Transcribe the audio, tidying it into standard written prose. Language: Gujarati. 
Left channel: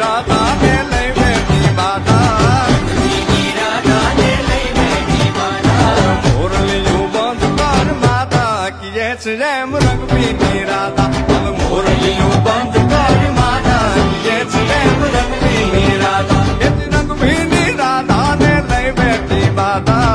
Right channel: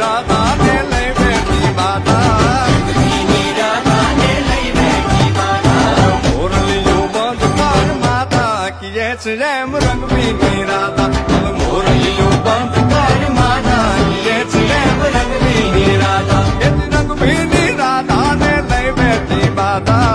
રાધા ને લઈ બેઠી માતા મોરલીયું બંધ કર માતા કીએ છે એમ રંગબીની રાધા હવે મોરલીયું બંધ કર માતા કીએ છે એમ રંગબીની રાધા એ રંગબીની રાધા ને લઈ બેઠી માતા